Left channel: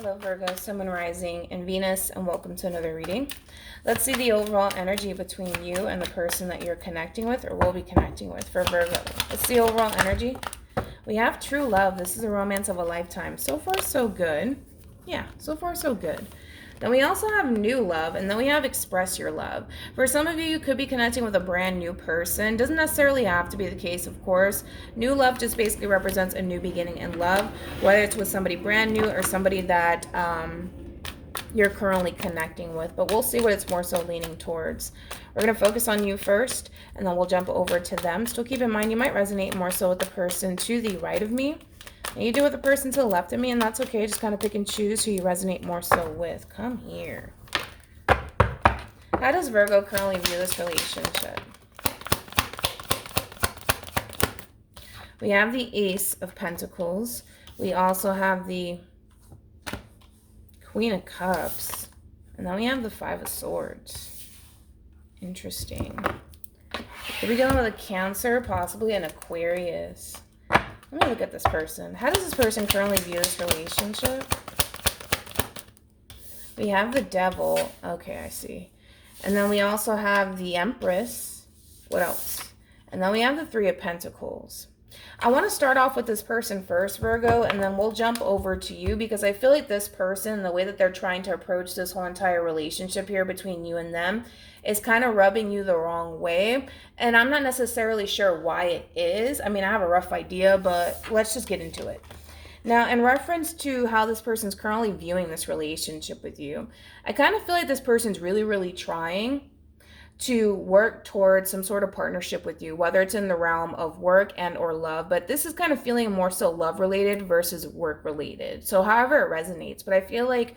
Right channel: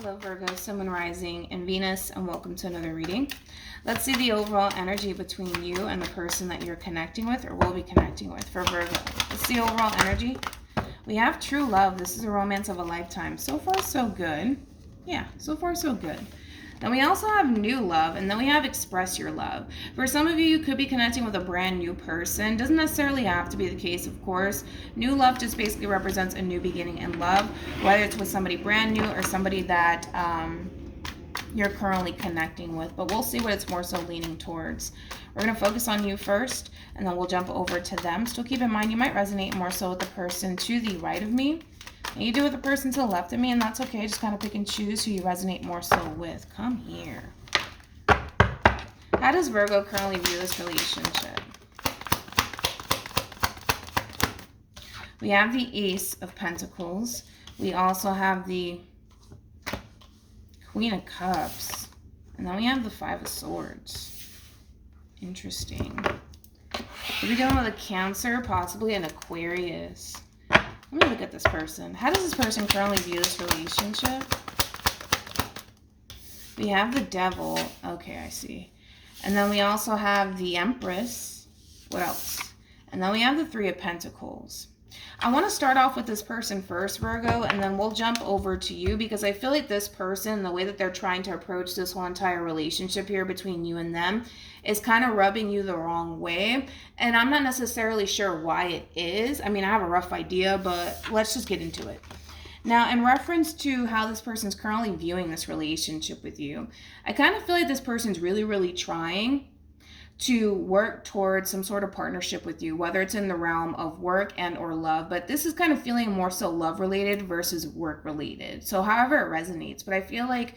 Hello Virgo, Sun, Moon, Rising, and Venus, and welcome to another reading. Let's see the overall energy between you and the person that you're connecting with or will be connecting with for Virgo. Let's see overall energy. We have true love. This is a romance of a lifetime. So far, so good. Yeah, so far, so good. Then we also have new love, and then we have express your love. For some of you, you could be connecting with a brand new person. Doesn't necessarily have to be the case, of course. New love just basically represents a new beginning in love, whether it's with somebody brand new or somebody that you're currently connecting with. But we'll see what it's more so leaning towards. We're going to focus on you first, and then we'll jump over to them. Still keep in mind, you might resonate more so with the person to the right of me. And you do with the person to the left of me, and that's okay. Just kind of pick and choose who you resonate more so with. Come here. How does Virgo currently view this relationship? We have the Ace of Pentacles. We also have the Queen of Cups. And then we have the Five of Swords. Interesting. Could we go with a Cancer, possibly an Aquarius? Let me look at this person. How does this person currently view this relationship? We have the Devil. Okay, I see. And then we also have the Empress. What else? And then we have the Three of Pentacles. I want to start off with this person first, Virgo, and then we'll jump over to you because I feel like this person, the way that they're trying to approach this whole entire relationship here between you and them is kind of rubbing you the wrong way. And I'm not necessarily sure why it is. I mean, I have a rough idea, but let's just get into it. Now, in reference to how this person's currently viewing this relationship with you, I kind of feel like this person's really, really trying to work towards some sort of partnership with you, whether it's in the realm of work and or love, but this is kind of feeling more so love related versus work related. So however it resonates, but I feel like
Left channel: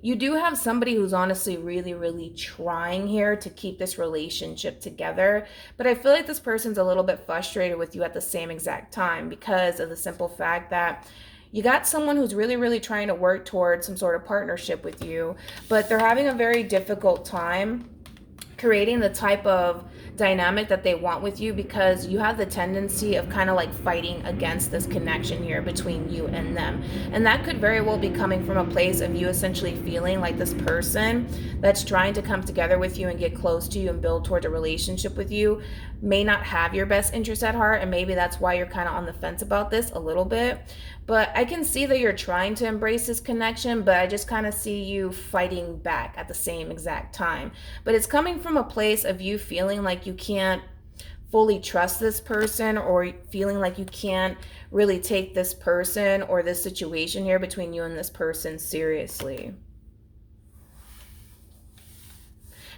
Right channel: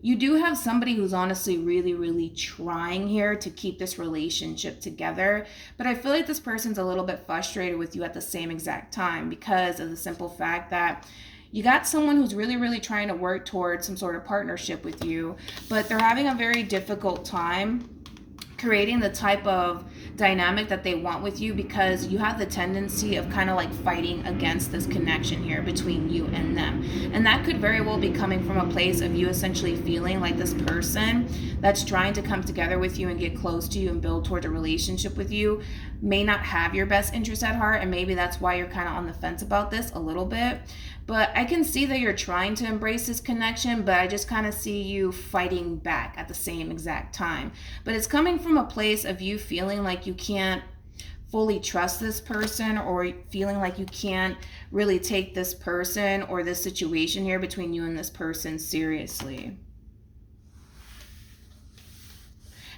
you do have somebody who's honestly really, really trying here to keep this relationship together, but I feel like this person's a little bit frustrated with you at the same exact time because of the simple fact that you got someone who's really, really trying to work towards some sort of partnership with you, but they're having a very difficult time creating the type of dynamic that they want with you because you have the tendency of kind of like fighting against this connection here between you and them. And that could very well be coming from a place of you essentially feeling like this person that's trying to come together with you and get close to you and build towards a relationship with you may not have your best interest at heart, and maybe that's why you're kind of on the fence about this a little bit. But I can see that you're trying to embrace this connection, but I just kind of see you fighting back at the same exact time. But it's coming from a place of you feeling like you can't fully trust this person, or feeling like you can't really take this person or this situation here between you and this person seriously.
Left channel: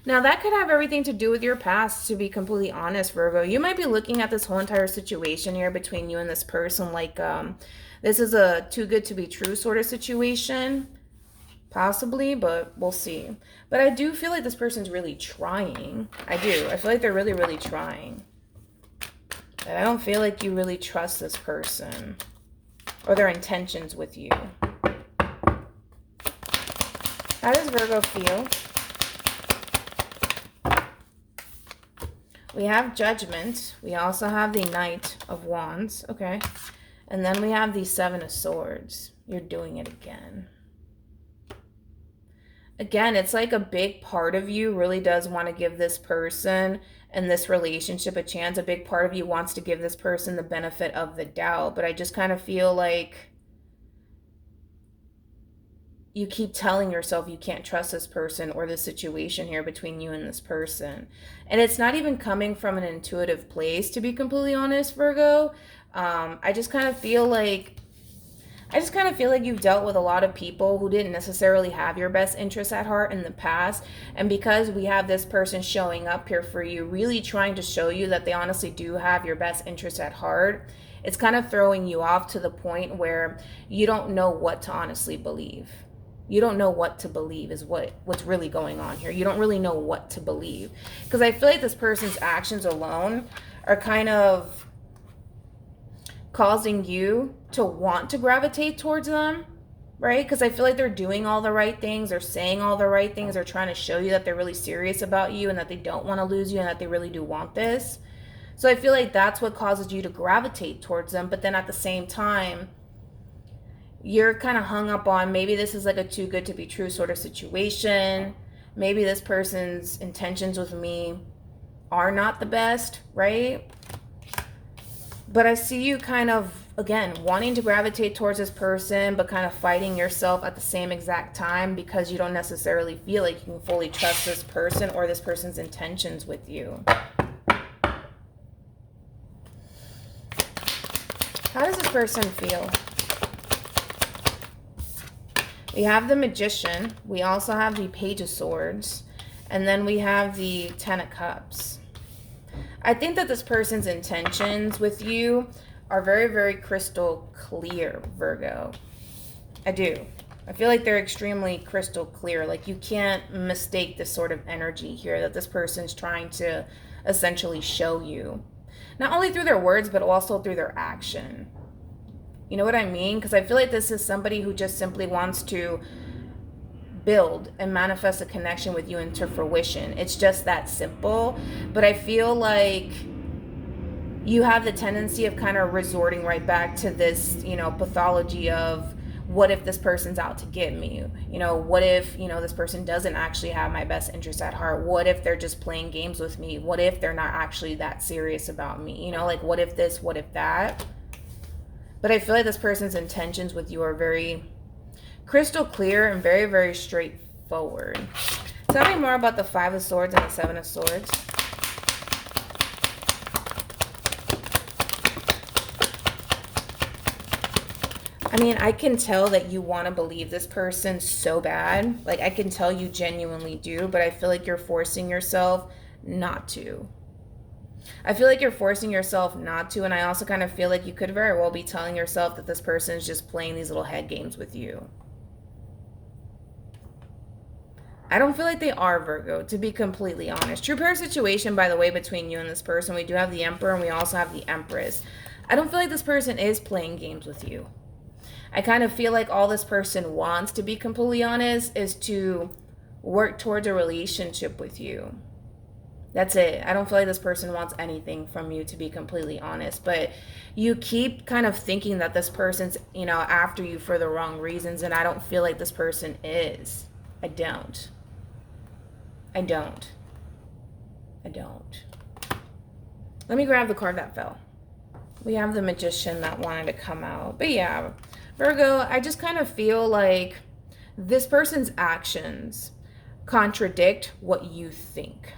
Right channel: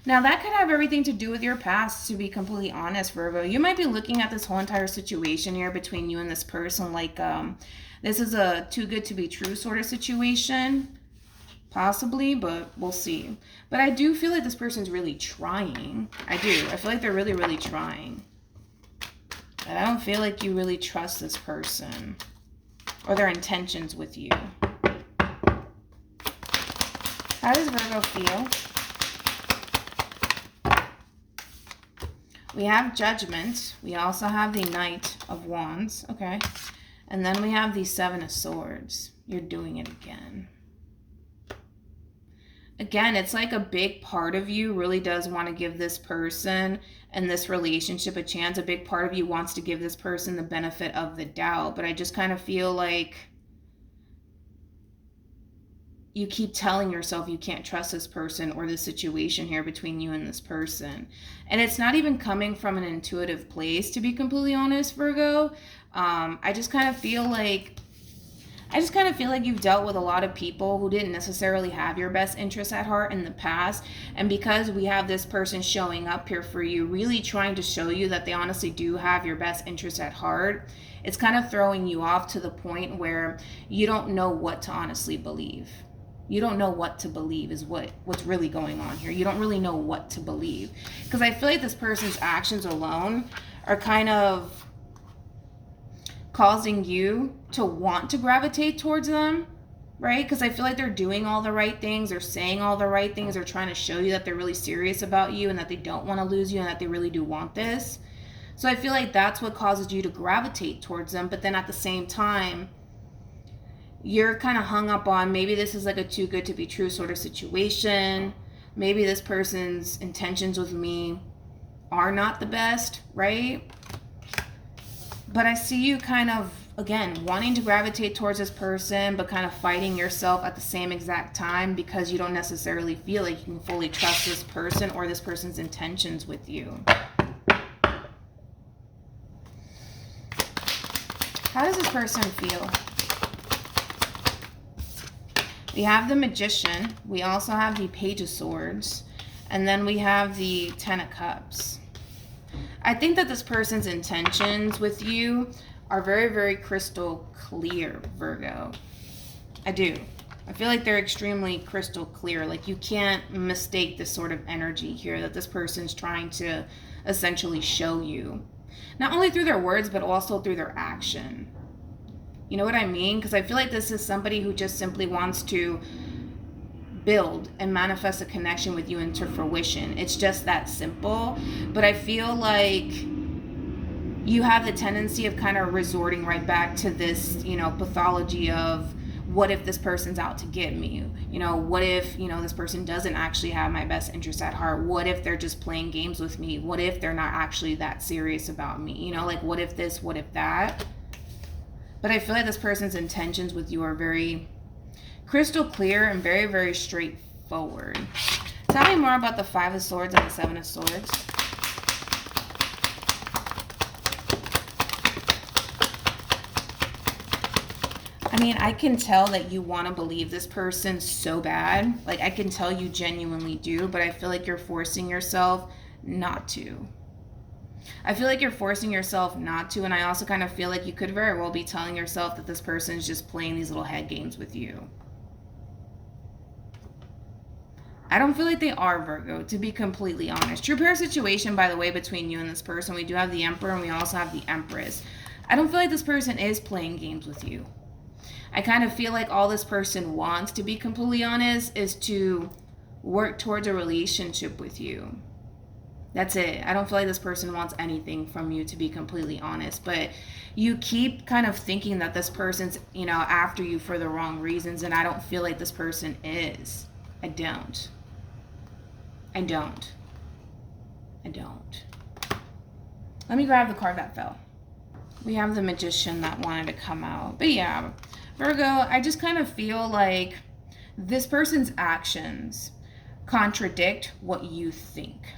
Now, that could have everything to do with your past, to be completely honest, Virgo. You might be looking at this whole entire situation here between you and this person like this is a too good to be true sort of situation. Possibly, but we'll see. But I do feel like this person's really trying. I do. I feel like they're really, really trying. But I don't feel like you really trust this person or their intentions with you. How does Virgo feel? We have Judgment. We also have the Knight of Wands. Okay. And then we have the Seven of Swords. You're doing it again. Again, it's like a big part of you really does want to give this person and this relationship a chance. A big part of you wants to give this person the benefit of the doubt. But I just kind of feel like you keep telling yourself you can't trust this person or the situation here between you and this person. And it's not even coming from an intuitive place, to be completely honest, Virgo. I just kind of feel like you've dealt with a lot of people who didn't necessarily have your best interests at heart in the past. And because we have this person showing up here for you, really trying to show you that they honestly do have your best interests at heart, it's kind of throwing you off to the point where you don't know what to honestly believe. You don't know what to believe is what's really going on here. You don't really know what to believe. Because I feel like this person's actions alone are kind of causing you to want to gravitate towards them, right? Because I feel like they're doing all the right things, they're saying all the right things, they're trying to show you that they're really serious about you and that they don't want to lose you and that they really do want this. So I feel like that's what causes you to gravitate towards them. But then at the same time, you're kind of hung up on maybe this is like a too good to be true sort of situation. Maybe this person's intentions with me are not the best, right? But I see you kind of, again, wanting to gravitate towards this person, but kind of fighting yourself at the same exact time because you don't necessarily feel like you can fully trust this person or this person's intentions with you. How does this person feel? We have the Magician. We also have the Page of Swords. And then we have the Ten of Cups. I think that this person's intentions with you are very, very crystal clear, Virgo. I do. I feel like they're extremely crystal clear. Like you can't mistake this sort of energy here that this person's trying to essentially show you. Not only through their words, but also through their action. You know what I mean? Because I feel like this is somebody who just simply wants to build and manifest a connection with you into fruition. It's just that simple. But I feel like you have the tendency of kind of resorting right back to this, pathology of what if this person's out to get me? What if, this person doesn't actually have my best interest at heart? What if they're just playing games with me? What if they're not actually that serious about me? Like what if this, what if that? But I feel like this person's intentions with you are very crystal clear and very, very straightforward. Tell me more about the Five of Swords and the Seven of Swords. I mean, I can tell that you want to believe this person so bad. Like, I can tell you genuinely do, but I feel like you're forcing yourself not to. I feel like you're forcing yourself not to, and I also kind of feel like you could very well be telling yourself that this person is just playing these little head games with you. I don't feel like they are, Virgo, to be completely honest. True pair situation, by the way, between you and this person. We do have the Emperor, and we also have the Empress. I don't feel like this person is playing games with you. I kind of feel like all this person wants, to be completely honest, is to work towards a relationship with you. That's it. I don't feel like this person wants anything from you, to be completely honest. But you keep kind of thinking that this person's, after you for the wrong reasons. And I don't feel like this person is. I don't. Let me grab the card that fell. We have the Magician that wanted to come out. But yeah, Virgo, I just kind of feel like this person's actions contradict what you think.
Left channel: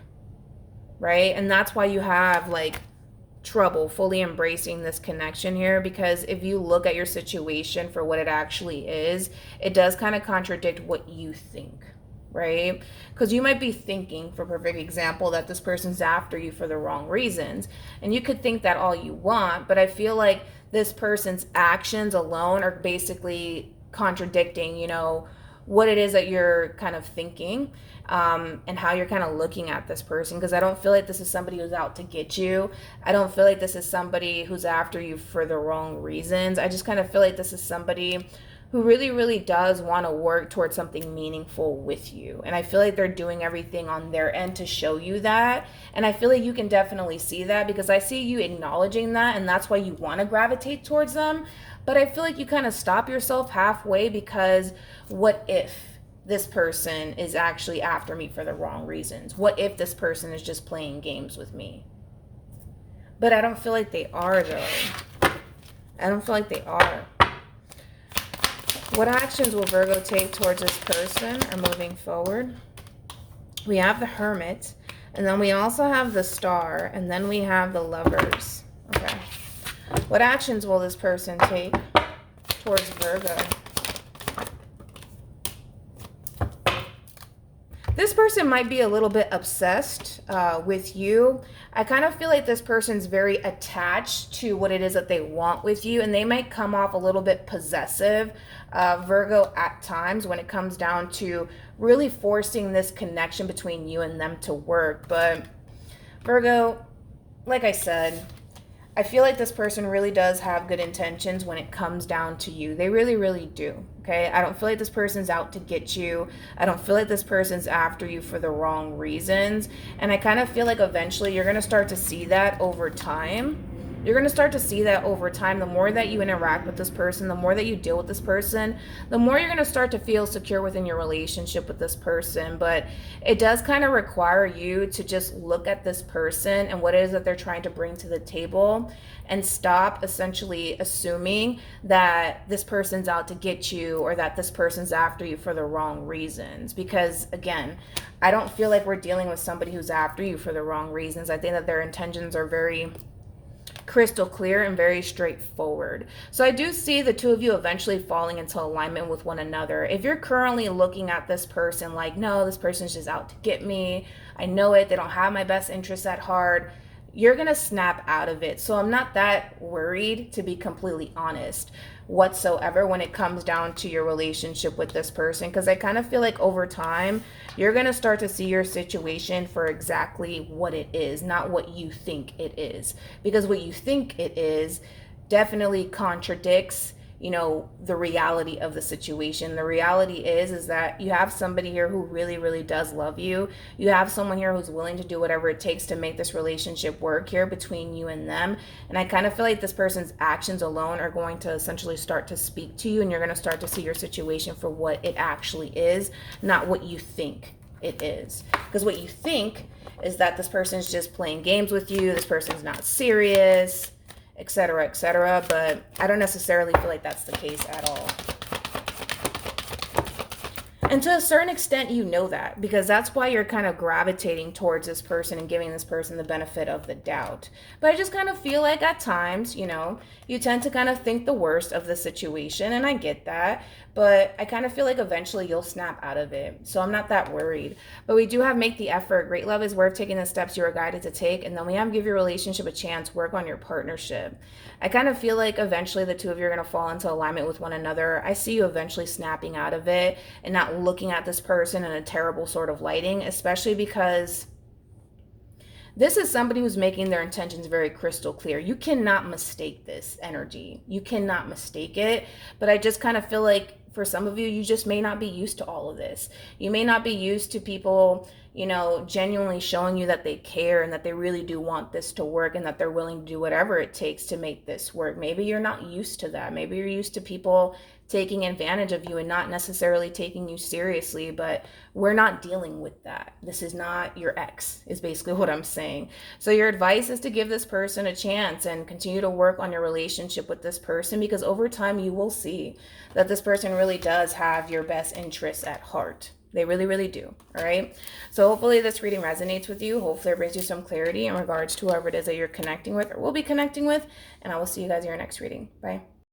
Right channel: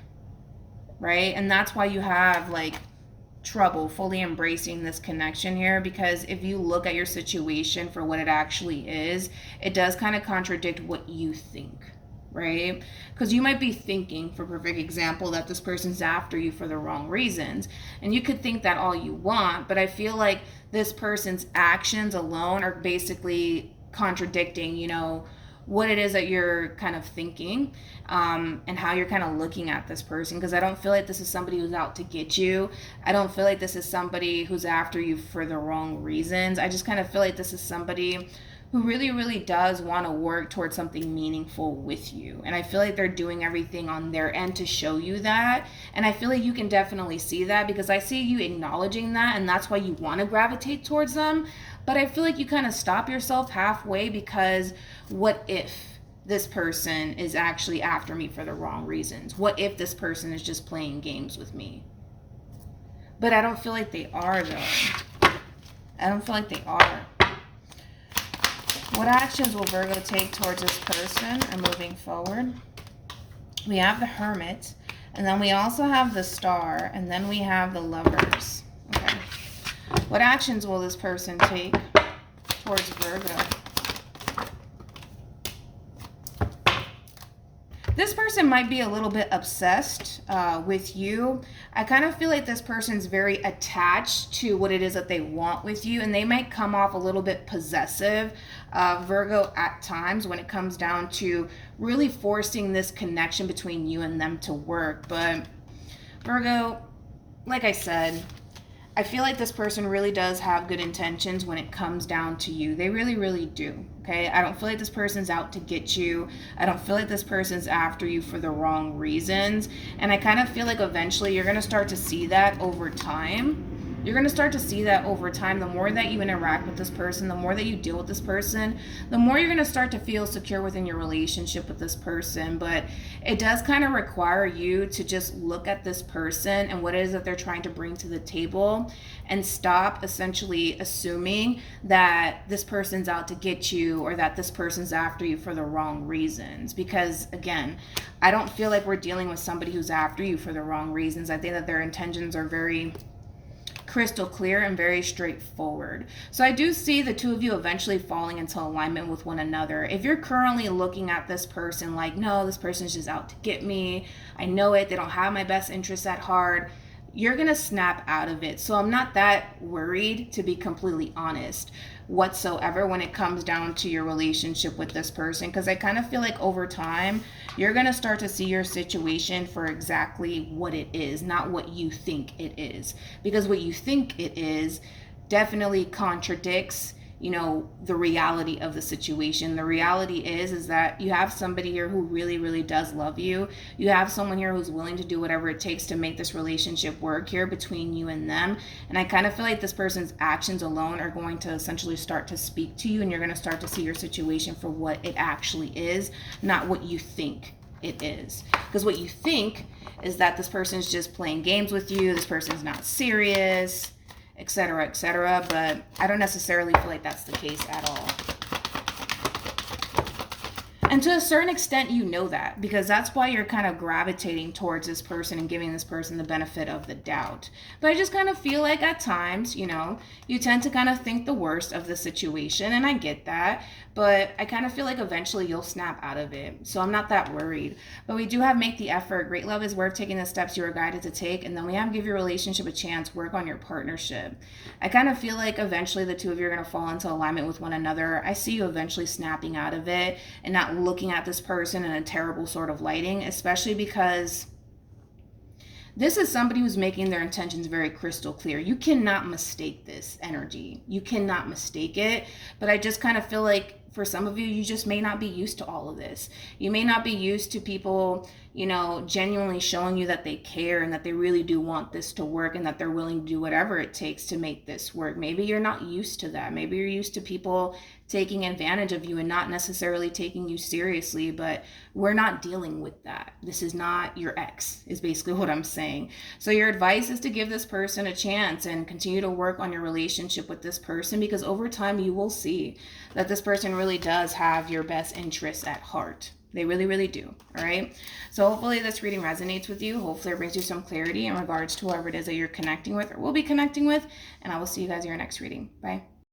Right? And that's why you have trouble fully embracing this connection here, because if you look at your situation for what it actually is, it does kind of contradict what you think, right? Because you might be thinking, for perfect example, that this person's after you for the wrong reasons, and you could think that all you want, but I feel like this person's actions alone are basically contradicting, what it is that you're kind of thinking, and how you're kind of looking at this person. Because I don't feel like this is somebody who's out to get you. I don't feel like this is somebody who's after you for the wrong reasons. I just kind of feel like this is somebody who really, really does want to work towards something meaningful with you. And I feel like they're doing everything on their end to show you that. And I feel like you can definitely see that, because I see you acknowledging that, and that's why you want to gravitate towards them. But I feel like you kind of stop yourself halfway, because what if this person is actually after me for the wrong reasons? What if this person is just playing games with me? But I don't feel like they are, though. I don't feel like they are. What actions will Virgo take towards this person and moving forward? We have the Hermit, and then we also have the Star, and then we have the Lovers. Okay. What actions will this person take towards Virgo? This person might be a little bit obsessed with you. I kind of feel like this person's very attached to what it is that they want with you, and they might come off a little bit possessive, Virgo, at times when it comes down to really forcing this connection between you and them to work. But Virgo, like I said, I feel like this person really does have good intentions when it comes down to you. They really, really do, okay? I don't feel like this person's out to get you. I don't feel like this person's after you for the wrong reasons. And I kind of feel like eventually you're going to start to see that over time, You're going to start to see that over time. The more that you interact with this person, the more that you deal with this person, the more you're going to start to feel secure within your relationship with this person. But it does kind of require you to just look at this person and what it is that they're trying to bring to the table, and stop essentially assuming that this person's out to get you or that this person's after you for the wrong reasons. Because again, I don't feel like we're dealing with somebody who's after you for the wrong reasons. I think that their intentions are very crystal clear and very straightforward. So I do see the two of you eventually falling into alignment with one another. If you're currently looking at this person like, no, this person's just out to get me, I know it, they don't have my best interests at heart, you're going to snap out of it. So I'm not that worried, to be completely honest, whatsoever, when it comes down to your relationship with this person, because I kind of feel like over time you're going to start to see your situation for exactly what it is, not what you think it is. Because what you think it is definitely contradicts, you know, the reality of the situation. The reality is that you have somebody here who really, really does love you. You have someone here who's willing to do whatever it takes to make this relationship work here between you and them. And I kind of feel like this person's actions alone are going to essentially start to speak to you, and you're going to start to see your situation for what it actually is, not what you think it is. Because what you think is that this person's just playing games with you, this person's not serious, etc., etc., but I don't necessarily feel like that's the case at all. And to a certain extent, you know that, because that's why you're kind of gravitating towards this person and giving this person the benefit of the doubt. But I just kind of feel like at times, you know, you tend to kind of think the worst of the situation, and I get that, but I kind of feel like eventually you'll snap out of it. So I'm not that worried. But we do have make the effort. Great love is worth taking the steps you are guided to take. And then we have give your relationship a chance, work on your partnership. I kind of feel like eventually the two of you are going to fall into alignment with one another. I see you eventually snapping out of it and not looking at this person in a terrible sort of lighting, especially because this is somebody who's making their intentions very crystal clear. You cannot mistake this energy. You cannot mistake it. But I just kind of feel like for some of you, you just may not be used to all of this. You may not be used to people, you know, genuinely showing you that they care and that they really do want this to work and that they're willing to do whatever it takes to make this work. Maybe you're not used to that. Maybe you're used to people taking advantage of you and not necessarily taking you seriously, but we're not dealing with that. This is not your ex, is basically what I'm saying. So your advice is to give this person a chance and continue to work on your relationship with this person, because over time you will see that this person really does have your best interests at heart. They really, really do. All right. So hopefully this reading resonates with you. Hopefully it brings you some clarity in regards to whoever it is that you're connecting with or will be connecting with. And I will see you guys in your next reading. Bye.